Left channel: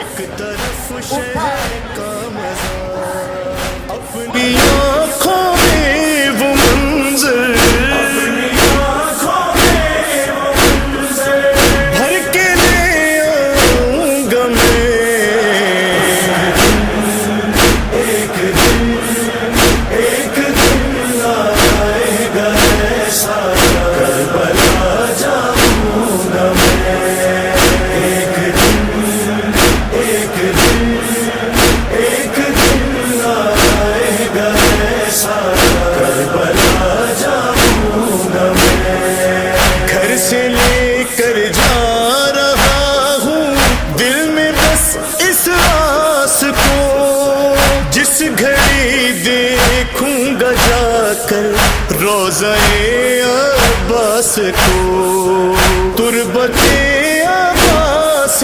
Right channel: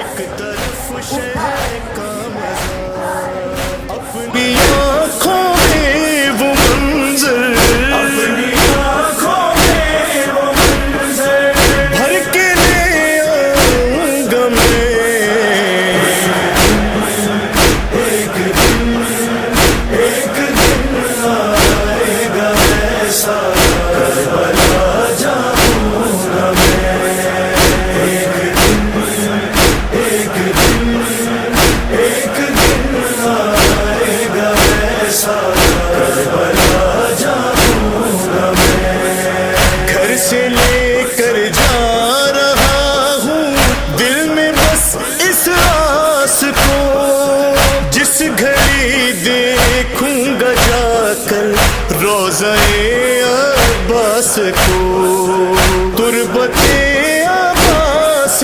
ایک طرف شہر کا مزہ، اپنی آنکھوں میں وہ منظر، اپنی آنکھوں میں وہ منظر بھر کے لے آؤں گا میں۔ ایک دن آئے گا ایسا کربلا جاؤں گا میں۔ ایک دن آئے گا ایسا کربلا جاؤں گا میں۔ گھر سے لے کر جا رہا ہوں دل میں بس اس آس کو، جس گھڑی دیکھوں گا جا کر روضہ عباس کو، تربت عباس